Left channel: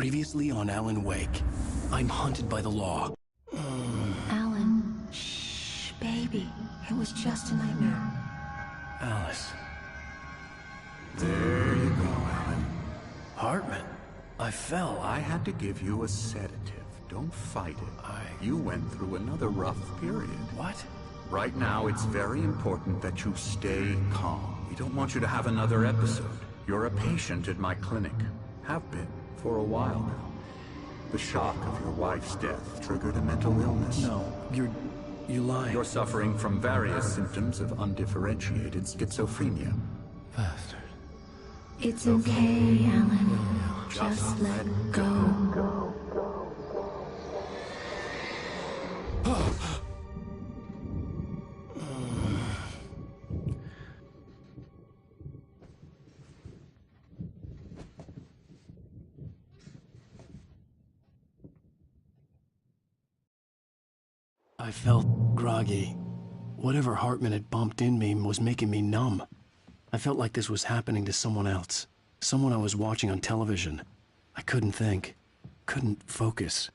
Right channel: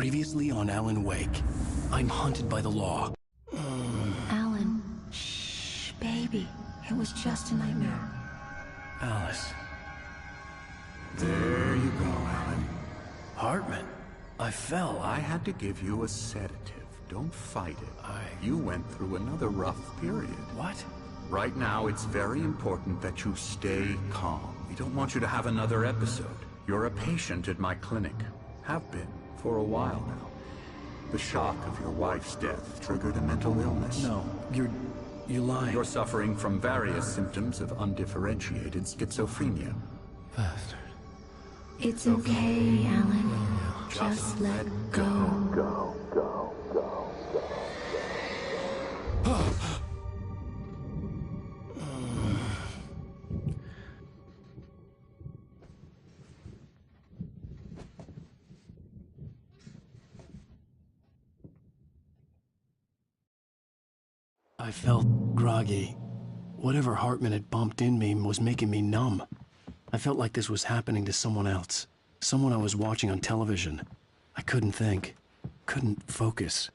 Previously on Alan Wake. I'm hunted by the law. Alan, shh, baby. It was just a nightmare. Alice. There you go, Alan. Hartman. I fell. I had to give you a sedative. Don't fight it. You went through another rough period. What? Right now, it's very important that you stay calm. We don't want you to have another episode. You're a patient at my clinic. Have been for a while now. The shock of your wife's death triggered a mental illness. No, you're lying. You're suffering from various symptoms of undifferentiated schizophrenia. Bastard. It's okay, Alan. Just let go. I felt groggy. Whatever Hartman had bumped in me was making me numb. I felt like this was happening to someone else. Someone I was watching on television. I couldn't think. Couldn't focus.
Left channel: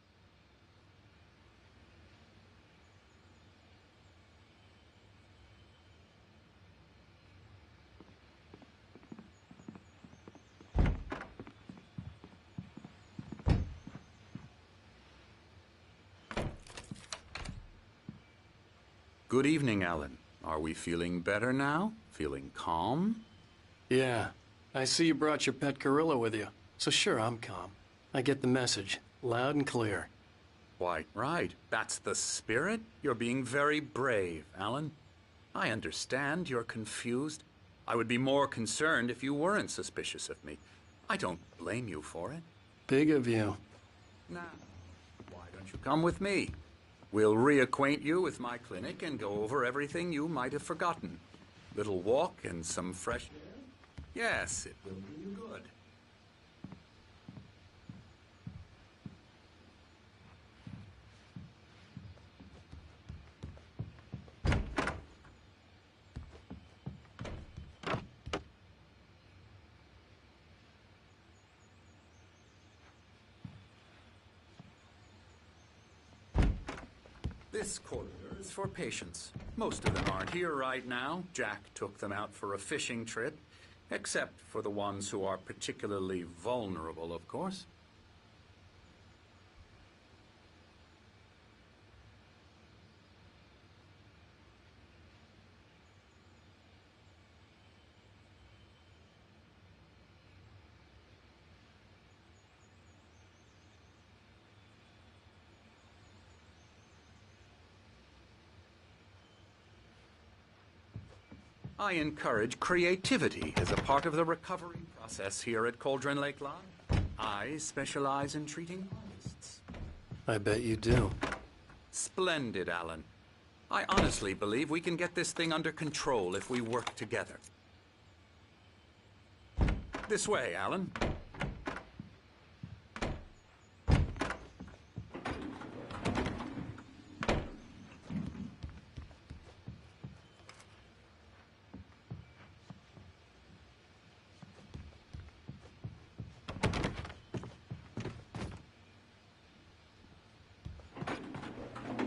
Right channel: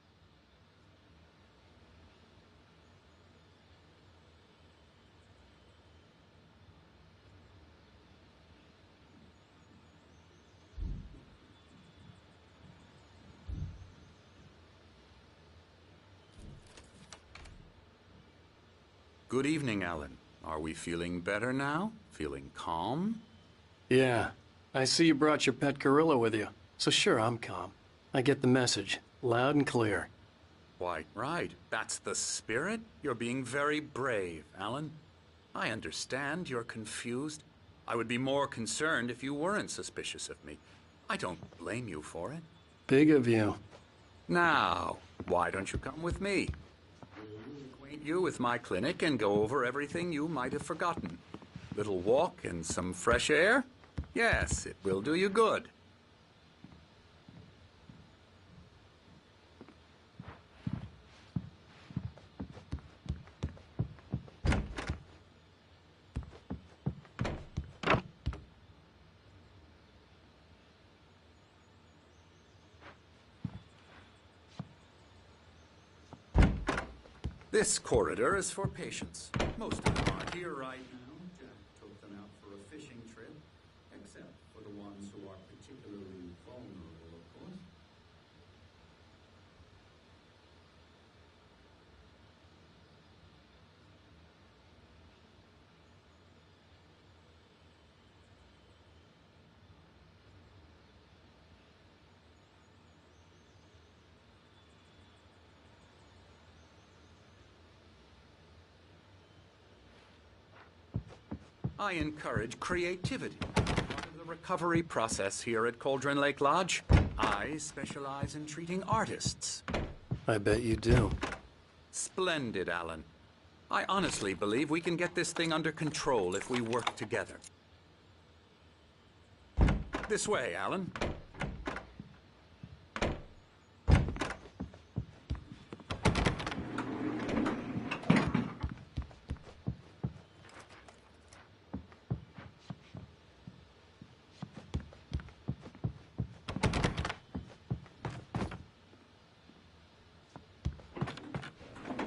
Good evening, Alan. Are we feeling better now? Feeling calm? Yeah. I see you brought your pet gorilla with you. So sure, I'm calm. I get the message. Loud and clear. Why, right. That's the spirit. You're being very brave, Alan. I understand you're confused. I would be more concerned if you weren't suspicious of me. I don't blame you for it. Big of you. Now, why don't you come with me? We'll reacquaint you with my clinic and go over everything you might have forgotten. Little walk and some fresh air? Yes, it will do you good. This corridor is for patients. Most of them aren't here right now. Jack took them out for a fishing trip, except for the ones who are particularly vulnerable, of course. I encourage creativity as a part of the recovery process here at Cauldron Lake Lodge. I specialize in treating artists. I bet you do. Splendid, Alan. I honestly believe we can get this thing under control if we work together. This way, Alan.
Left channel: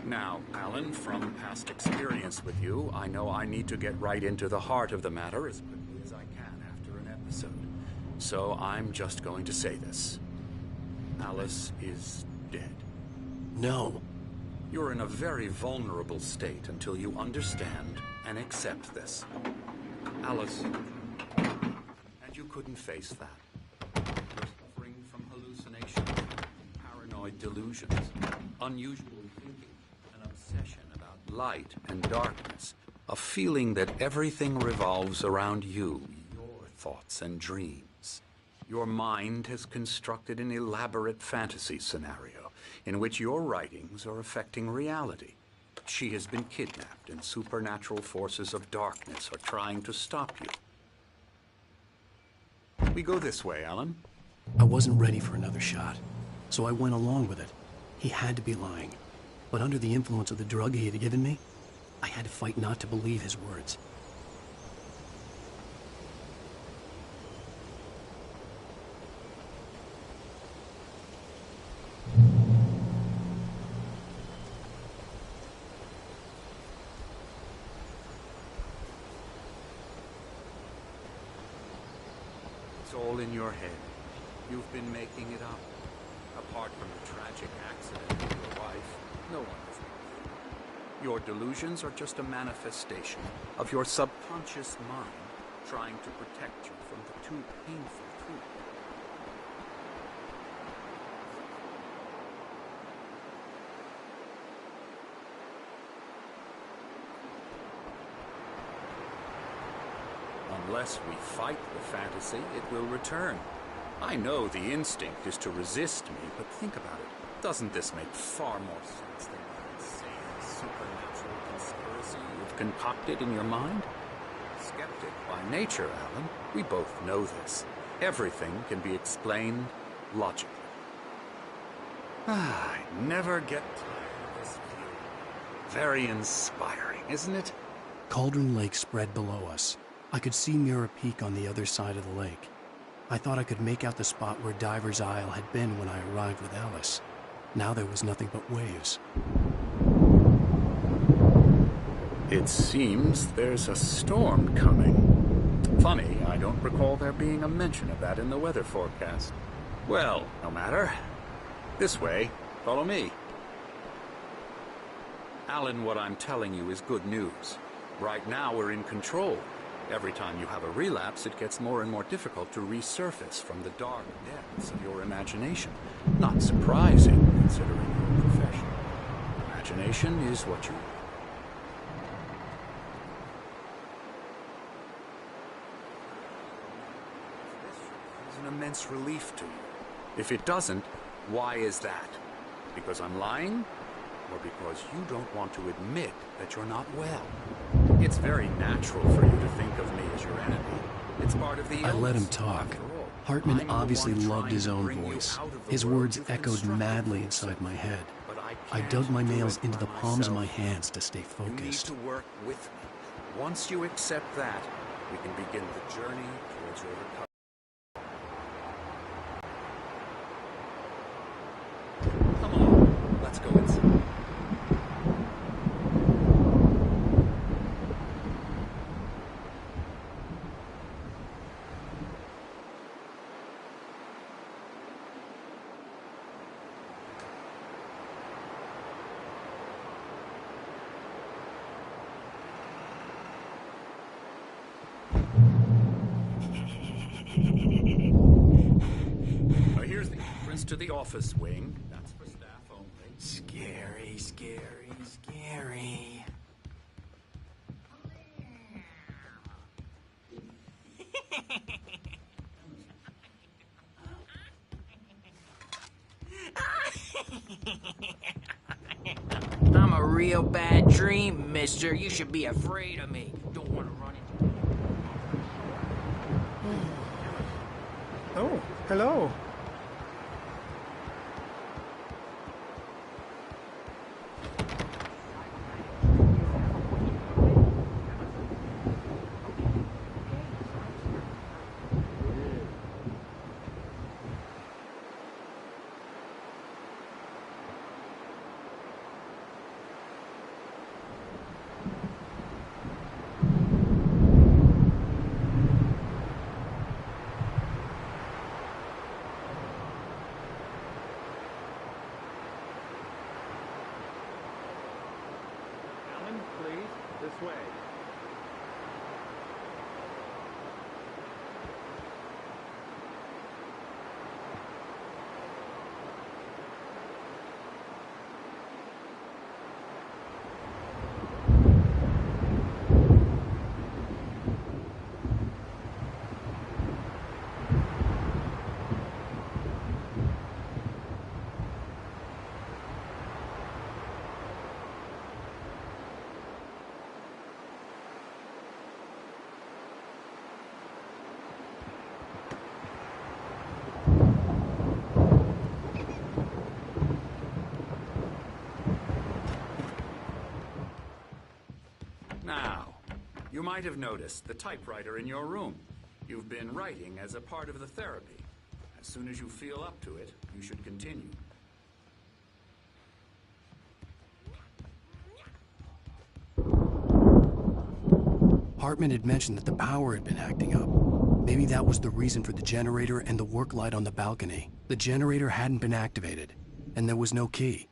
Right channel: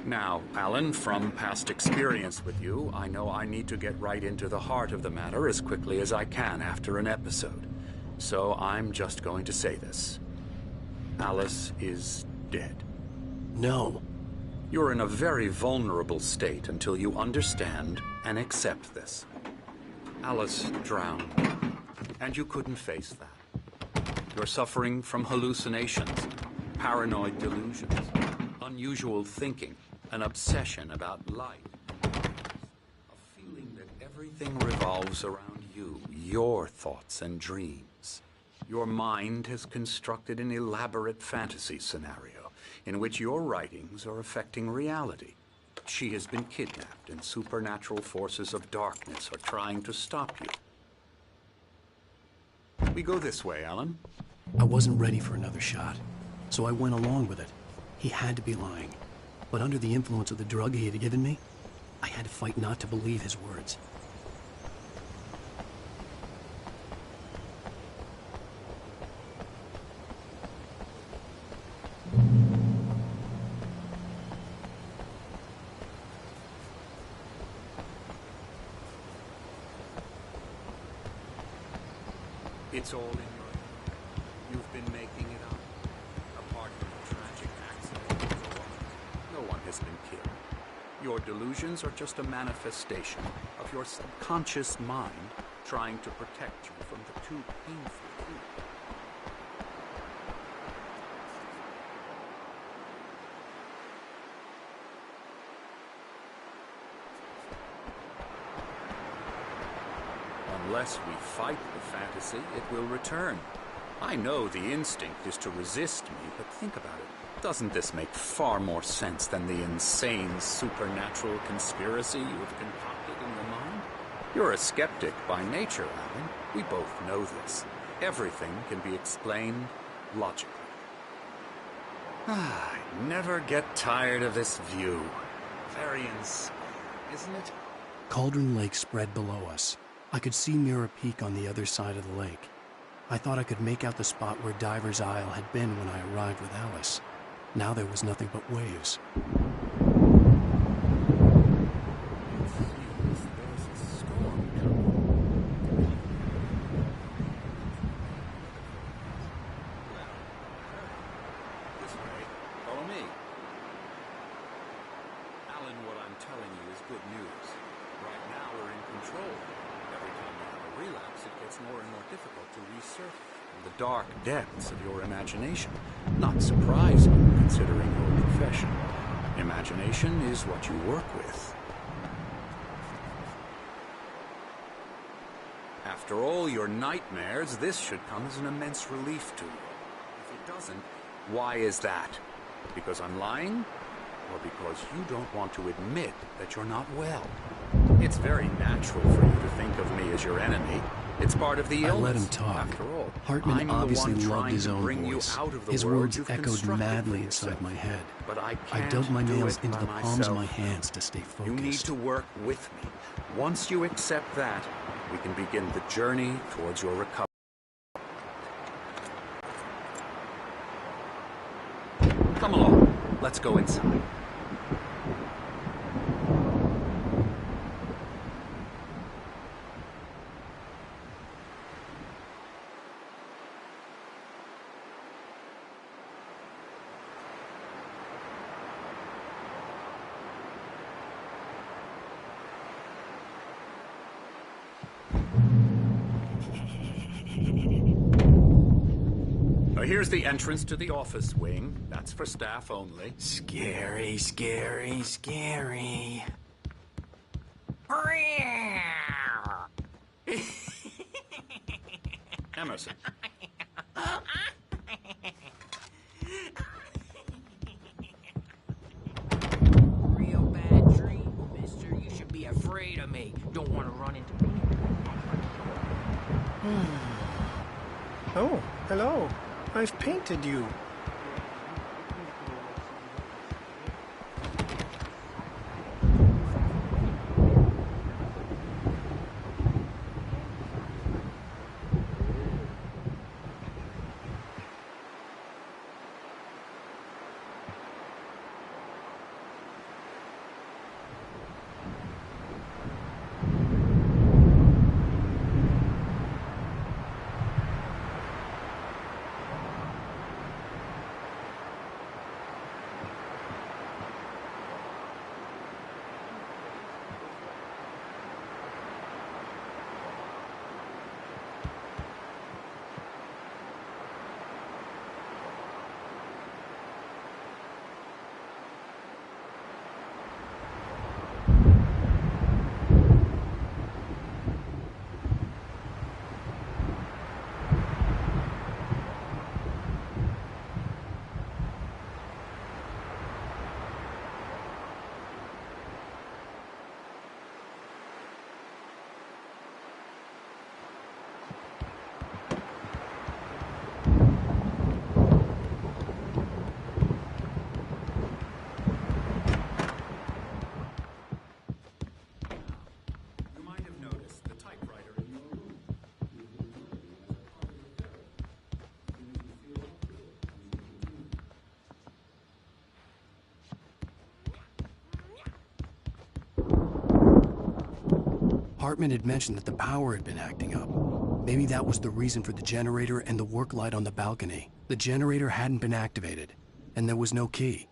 Now, Alan, from past experience with you, I know I need to get right into the heart of the matter as quickly as I can after an episode. So I'm just going to say this. Alice is dead. No. You're in a very vulnerable state until you understand and accept this. Alice drowned, and you couldn't face that. You're suffering from hallucinations, paranoid delusions, unusual thinking, an obsession about light and darkness, a feeling that everything revolves around you, your thoughts and dreams. Your mind has constructed an elaborate fantasy scenario in which your writings are affecting reality. She has been kidnapped and supernatural forces of darkness are trying to stop you. We go this way, Alan. I wasn't ready for another shot, so I went along with it. He had to be lying. But under the influence of the drug he had given me, I had to fight not to believe his words. It's all in your head. You've been making it up. Apart from the tragic accident with your wife, no one has been killed. Your delusions are just a manifestation of your subconscious mind trying to protect you from the too painful truth. Unless we fight the fantasy, it will return. I know the instinct is to resist me, but think about it. Doesn't this make far more sense than the insane supernatural conspiracy you have concocted in your mind? You're a skeptic by nature, Alan. We both know this. Everything can be explained logically. I never get tired of this view. Very inspiring, isn't it? Cauldron Lake spread below us. I could see Mirror Peak on the other side of the lake. I thought I could make out the spot where Diver's Isle had been when I arrived with Alice. Now there was nothing but waves. It seems there's a storm coming. Funny, I don't recall there being a mention of that in the weather forecast. Well, no matter. This way. Follow me. Alan, what I'm telling you is good news. Right now we're in control. Every time you have a relapse, it gets more and more difficult to resurface from the dark depths of your imagination. Not surprising, considering your profession. Imagination is what you work with. After all your nightmares, this should come as an immense relief to you. If it doesn't, why is that? Because I'm lying? Or because you don't want to admit that you're not well? It's very natural for you to think of me as your enemy. It's part of the illness. I let him talk. After all, Hartman I'm obviously the one loved trying his to own bring you voice. out of the His world words you've echoed constructed madly for inside yourself. my head. But I I can't dug my do nails it into by the palms of my myself. hands to stay focused. You need to work with me. Once you accept that, we can begin the journey towards your recovery. Come along. Let's go inside. Here's the entrance to the office wing. That's for staff only. Scary, scary, scary. Emerson. I'm a real bad dream, mister. You should be afraid of me. Don't want to run into me. That's for sure. Oh, hello. I've painted you. This way. You might have noticed the typewriter in your room. You've been writing as a part of the therapy. As soon as you feel up to it, you should continue. Hartman had mentioned that the power had been acting up. Maybe that was the reason for the generator and the work light on the balcony. The generator hadn't been activated, and there was no key.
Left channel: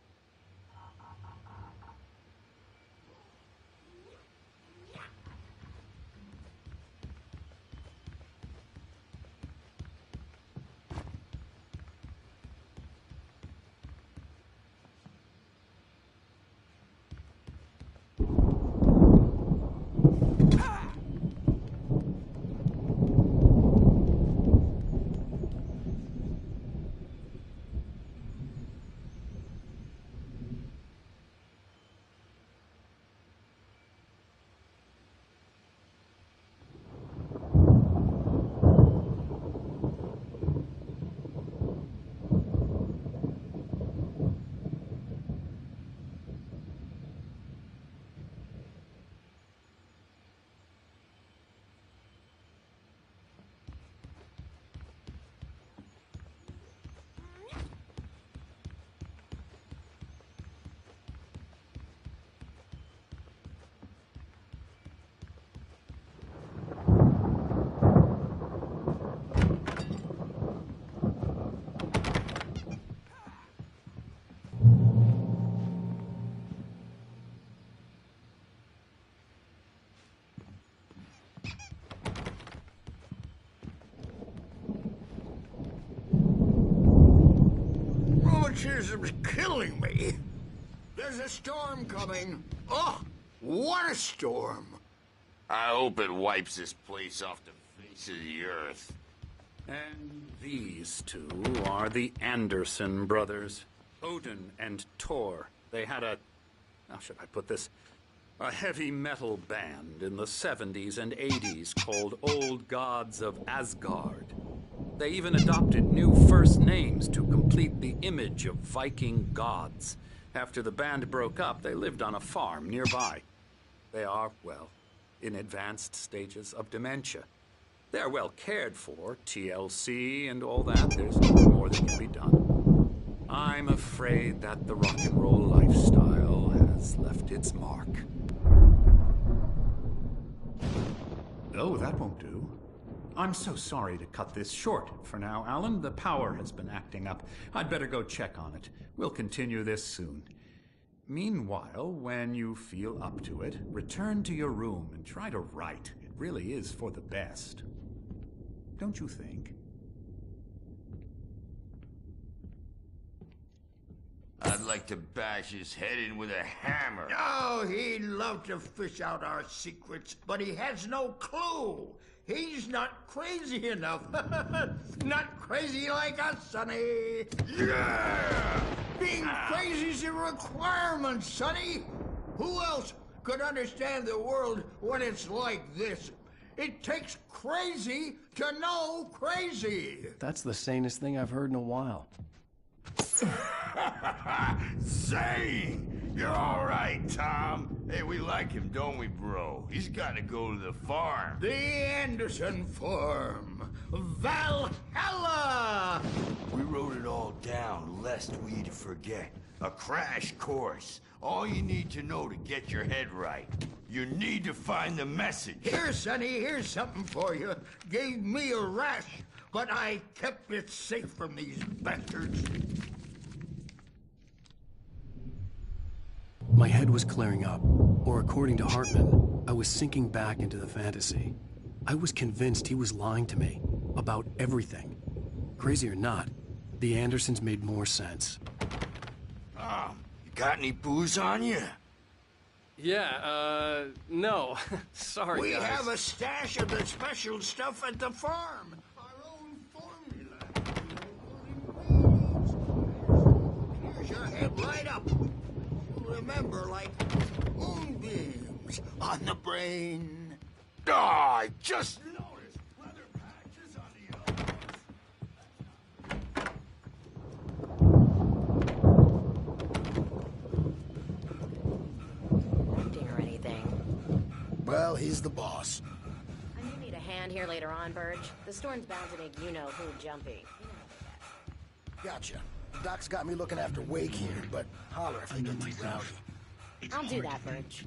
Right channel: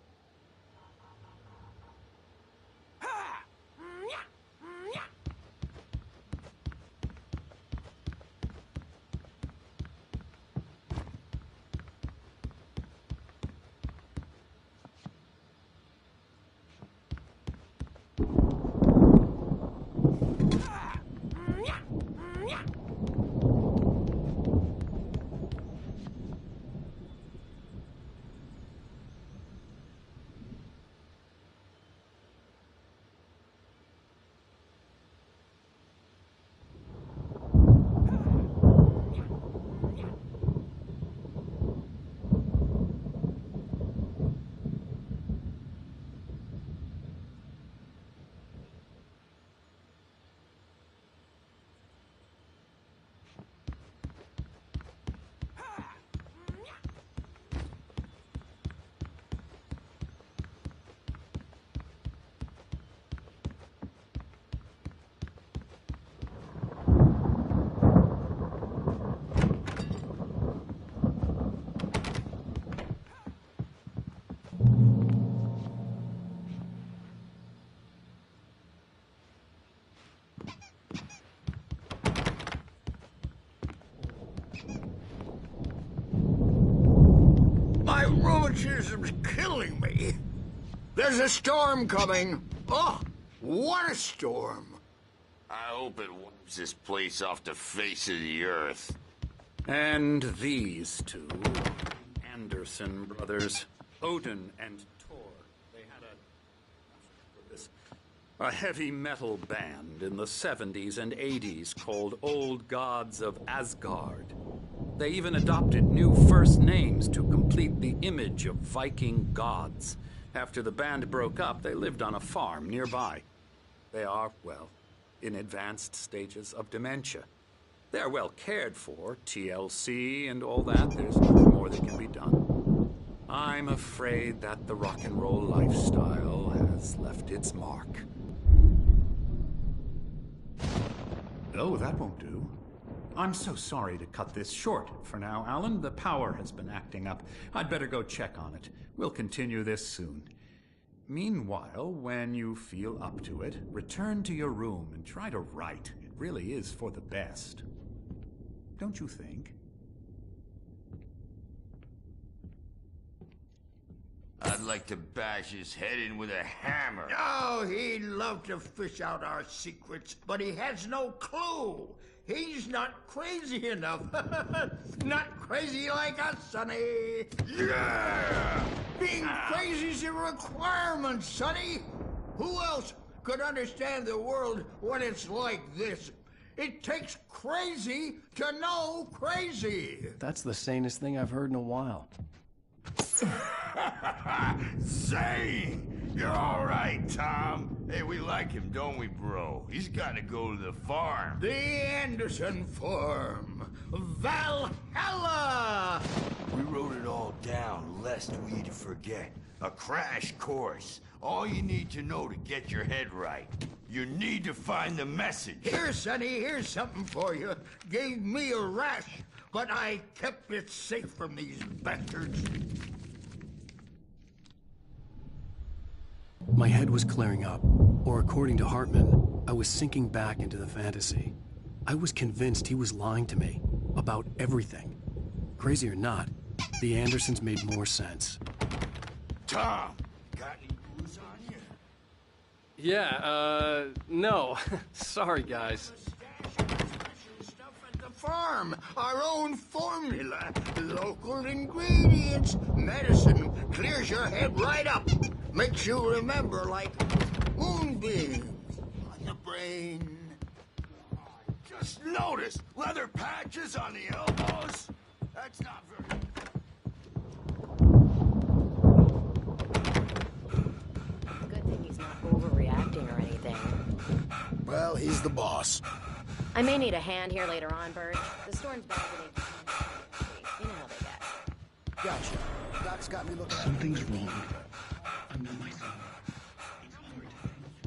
My rheumatism's killing me. There's a storm coming. Oh, what a storm. I hope it wipes this place off the face of the earth. And these two are the Anderson brothers, Odin and Tor. They had how should I put this? A heavy metal band in the 70s and 80s called Old Gods of Asgard. They even adopted new first names to complete the image of Viking gods. After the band broke up, they lived on a farm nearby. They are, well, in advanced stages of dementia. They're well cared for, TLC and all that. There's nothing more that can be done. I'm afraid that the rock and roll lifestyle has left its mark. Oh, that won't do. I'm so sorry to cut this short for now, Alan. The power has been acting up. I'd better go check on it. We'll continue this soon. Meanwhile, when you feel up to it, return to your room and try to write. It really is for the best. Don't you think? I'd like to bash his head in with a hammer. Oh, he'd love to fish out our secrets, but he has no clue. He's not crazy enough. Not crazy like us, Sonny. Yeah! Being crazy's a requirement, Sonny. Who else could understand the world when it's like this? It takes crazy to know crazy. That's the sanest thing I've heard in a while. Zane! You're all right, Tom. Hey, we like him, don't we, bro? He's got to go to the farm. The Anderson Farm. Valhalla! We wrote it all down, lest we'd forget. A crash course. All you need to know to get your head right. You need to find the message. Here, Sonny, here's something for you. Gave me a rash, but I kept it safe from these bastards. My head was clearing up, or according to Hartman, I was sinking back into the fantasy. I was convinced he was lying to me about everything. Crazy or not, the Andersons made more sense. Tom, you got any booze on you? Yeah, no. Sorry, guys. We have a stash of the special stuff at the farm. Our own formula. Local ingredients. Medicine clears your head right up. Makes you remember like moonbeams on the brain. Oh, I just noticed. Leather patches on the elbows. That's not very... Good thing he's not overreacting or anything. Well, he's the boss. I may need a hand here later on, Birch. The storm's bound to make pretty jumpy. You know how they get. Gotcha. Doc's got me looking after Wake, but holler if he needs out. I'll do that, Birch.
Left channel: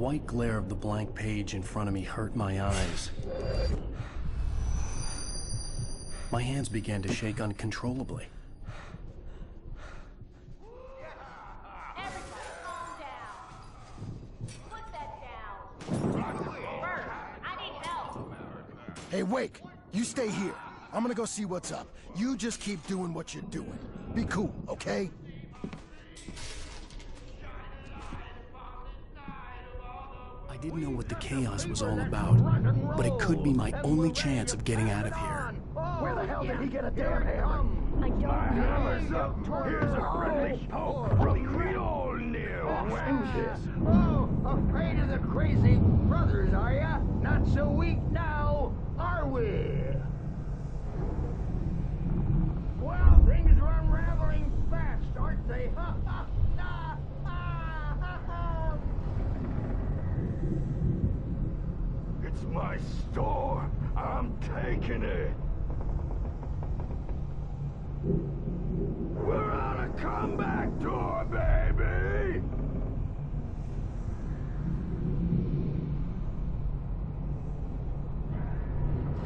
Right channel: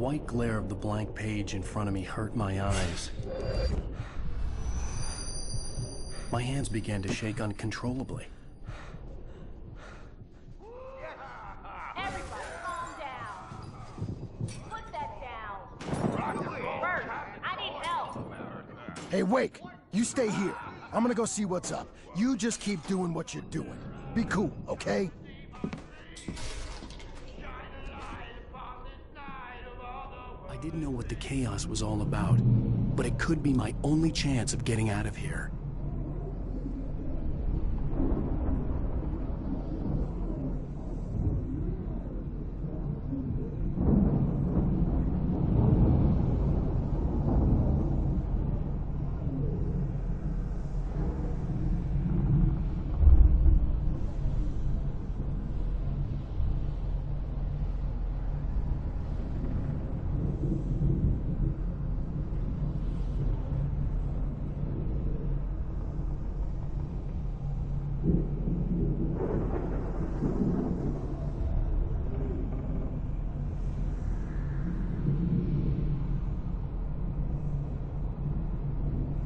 white glare of the blank page in front of me hurt my eyes. My hands began to shake uncontrollably. Everybody, calm down. Put that down. Bert, I need help. Hey, Wake, you stay here. I'm gonna go see what's up. You just keep doing what you're doing. Be cool, okay? I didn't know what the chaos was all about, but it could be my only chance of getting out of here. Where the hell did he get a damn hammer? Here's a friendly poke from the old near wenches. Oh, afraid of the crazy brothers, are ya? Not so weak now, are we? Well, things are unraveling fast, aren't they? It's my store. I'm taking it. We're on a comeback tour, baby!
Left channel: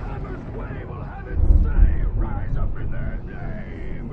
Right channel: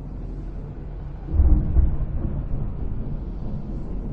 Hammer's Way will have its say rise up in their name!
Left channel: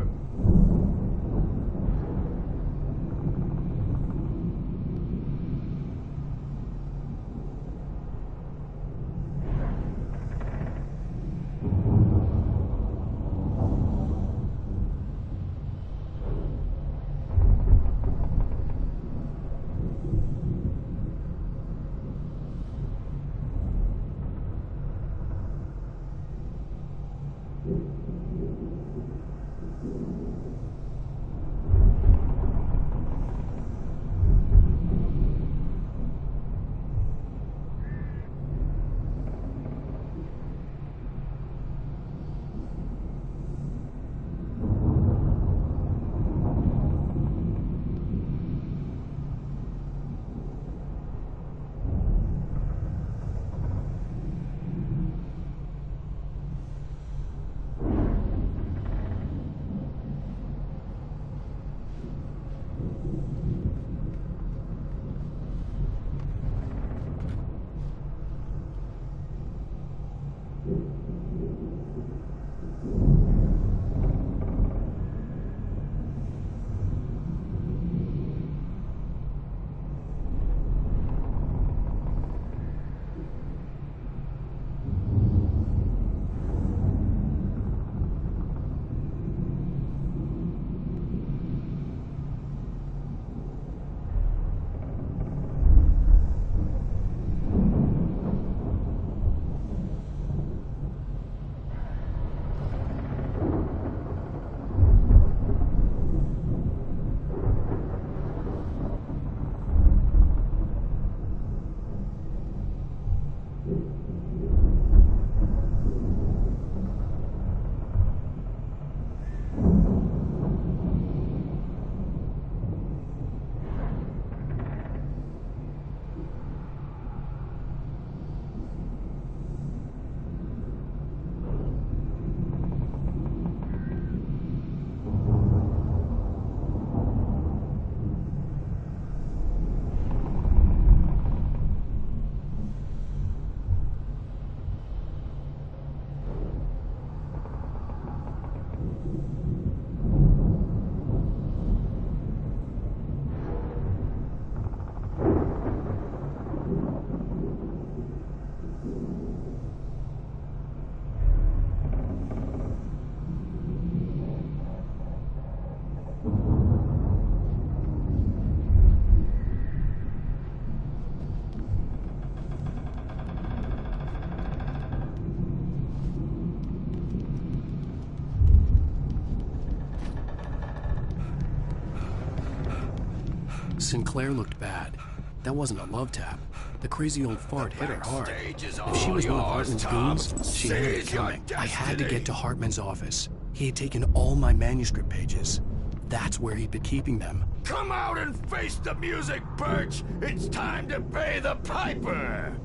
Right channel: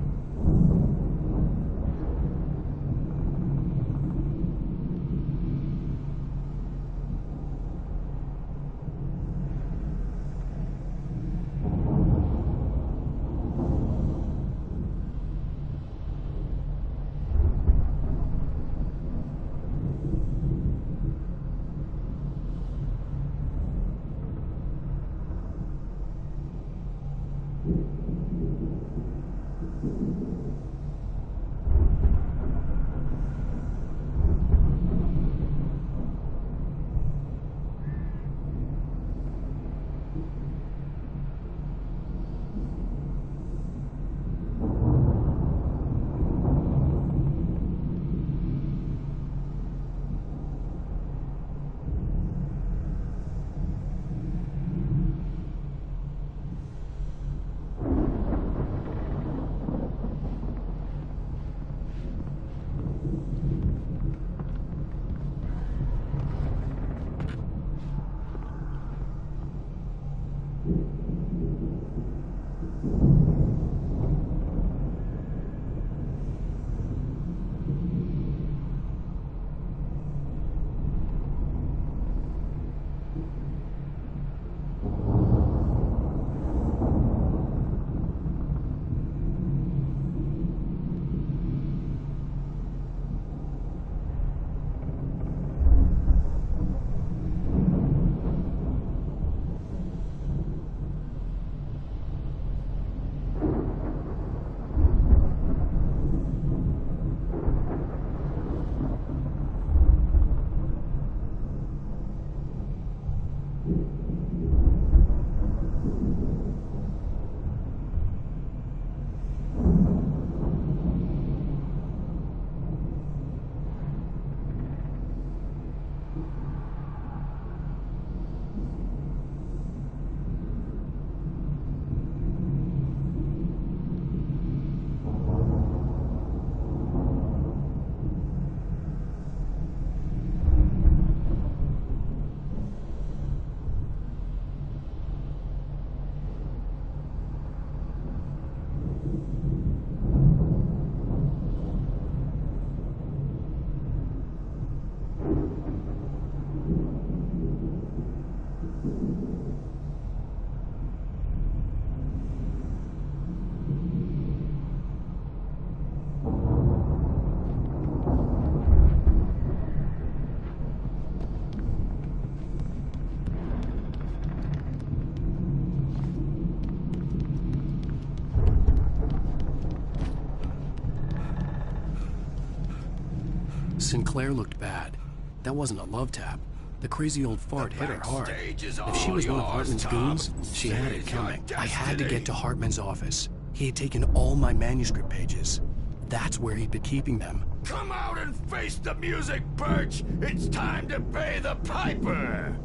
Sinclair looked bad. That wasn't a love tap. The crazy old fart hit her hard. If she was one of Hartman's goons, she had it coming. I had to get to Hartman's office. He had taken all my manuscript pages. That's where he'd been keeping them. Come out and face the music, Birch! It's time to pay the piper!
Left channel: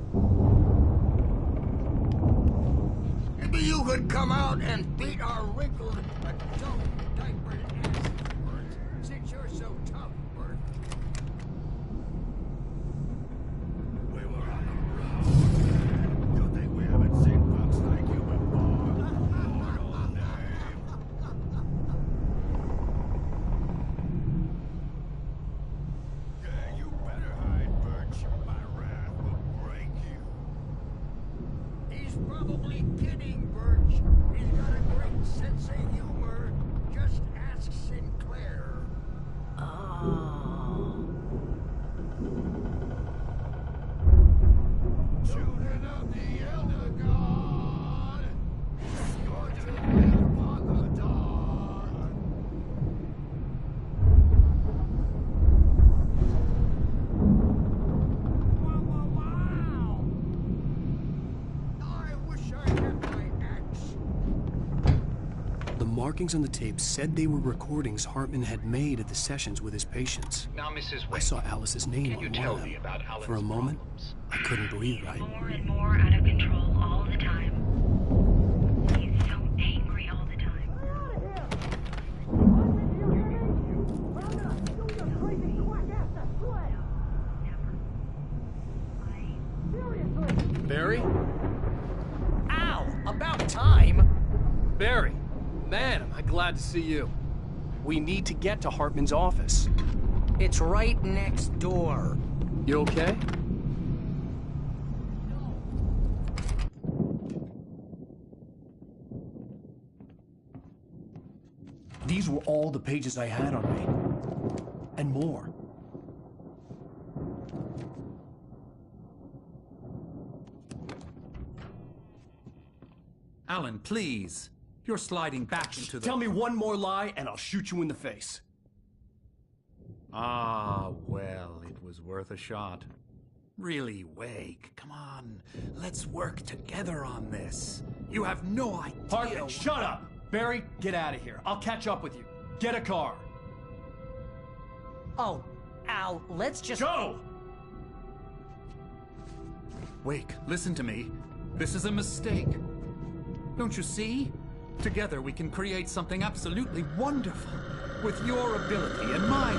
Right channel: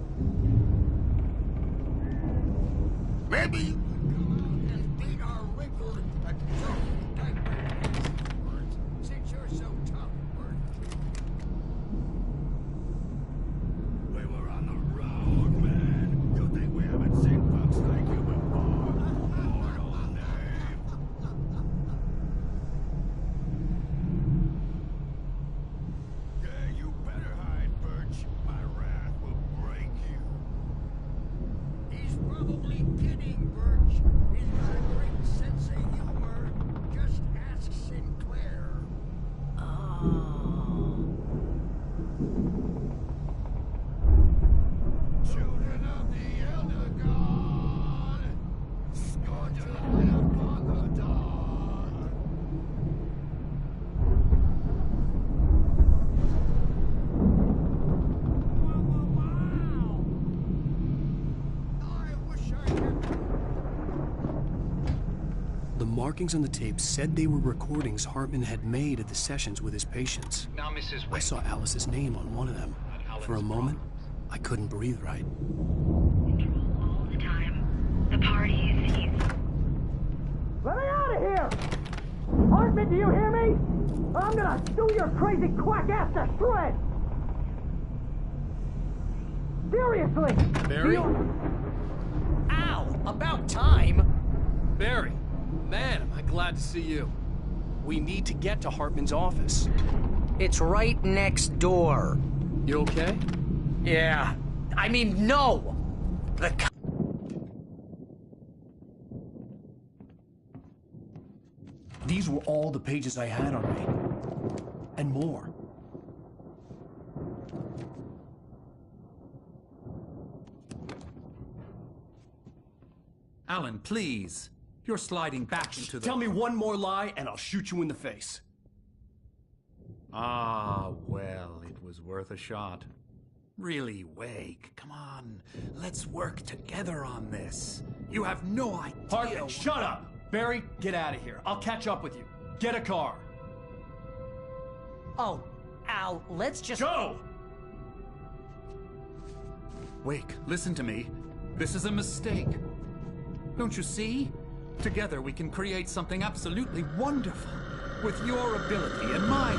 Maybe you could come out and beat our wrinkled adult diaper ass words, since you're so tough, Bert. probably kidding, Birch. He's got a great sense of humor. Just ask Sinclair. Children of the Elder God, scorch the land upon the dawn. Wow! I wish I had my axe. The markings on the tape said they were recordings Hartman had made at the sessions with his patients. Now, Mrs. I Wade, saw Alice's name can on you one tell of them. me about Alan's For a moment, problems? I couldn't breathe right. More and more out of control all the time. The parties, he's so angry all the time. Let me out of here! Hartman, do you hear me? I'm gonna stew your crazy quack ass to shreds! Seriously! Barry? Ow! About time! Barry! Man, am I glad to see you. We need to get to Hartman's office. It's right next door. You okay? Yeah. I mean, no! The These were all the pages I had on me. And more. Alan, please. You're sliding back into the... Tell me one more lie and I'll shoot you in the face. Ah, well, it was worth a shot. Really, Wake, come on. Let's work together on this. You have no idea... Hartman, shut up! Barry, get out of here. I'll catch up with you. Get a car. Oh, Al, let's just... Go! Wake, listen to me. This is a mistake. Don't you see? Together we can create something absolutely wonderful. With your ability and mine.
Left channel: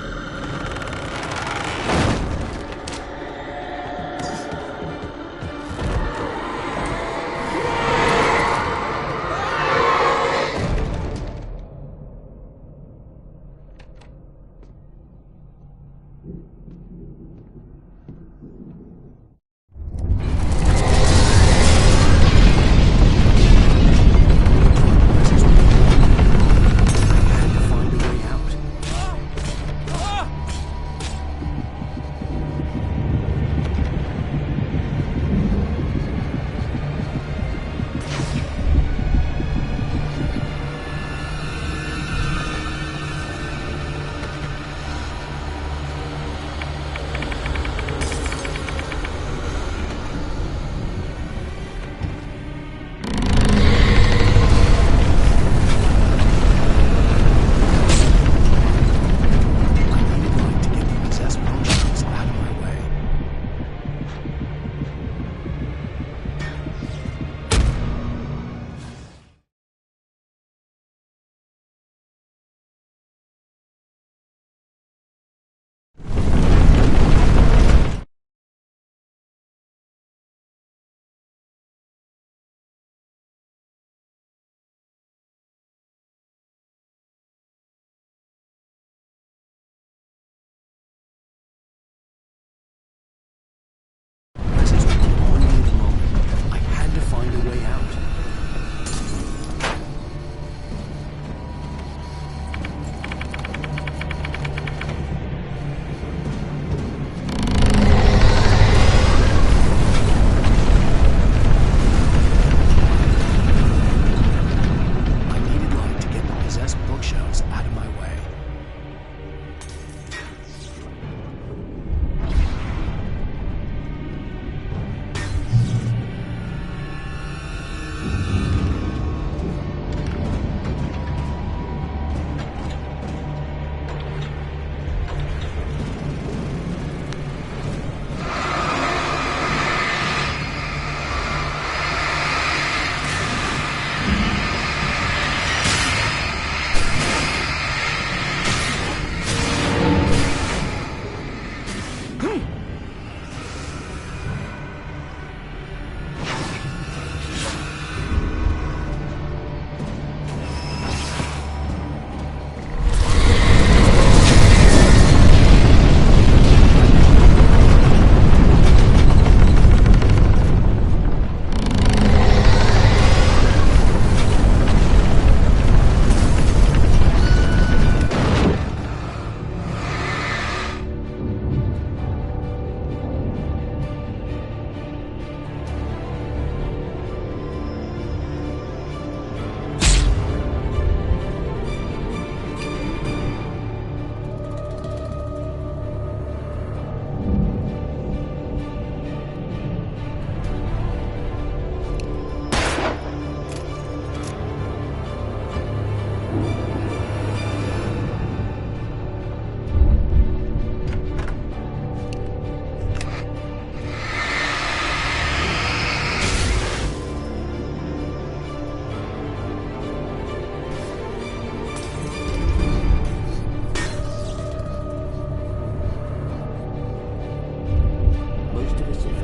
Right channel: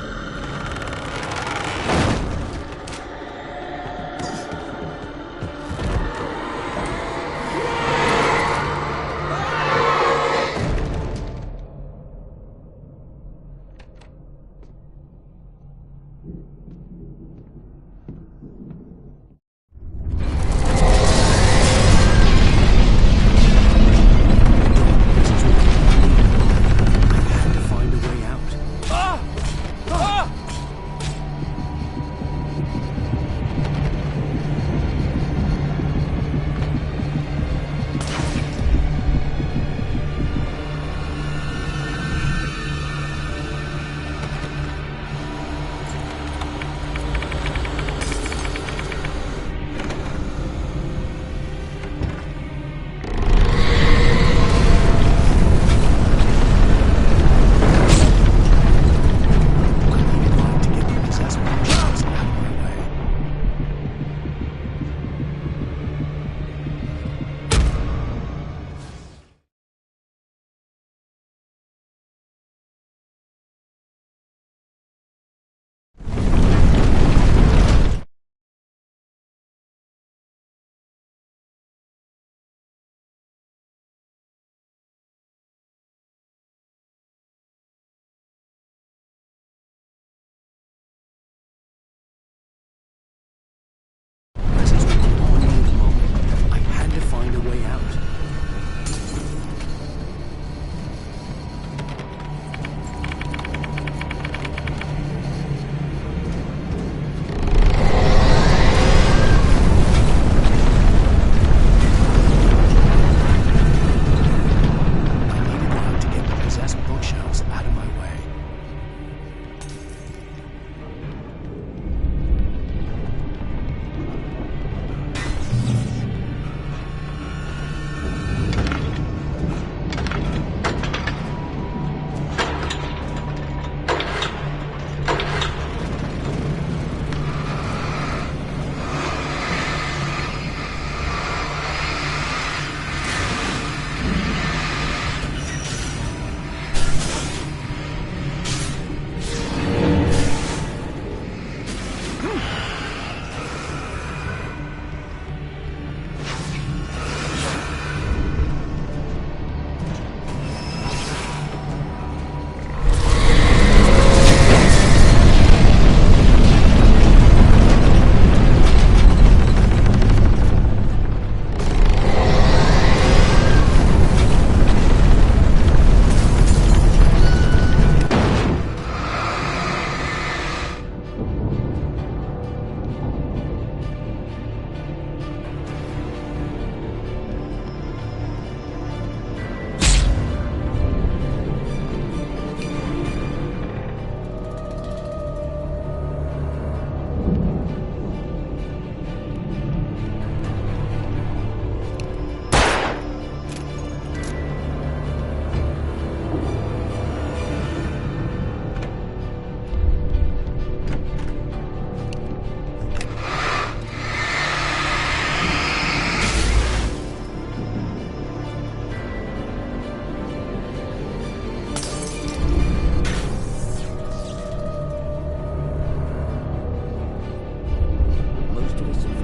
situation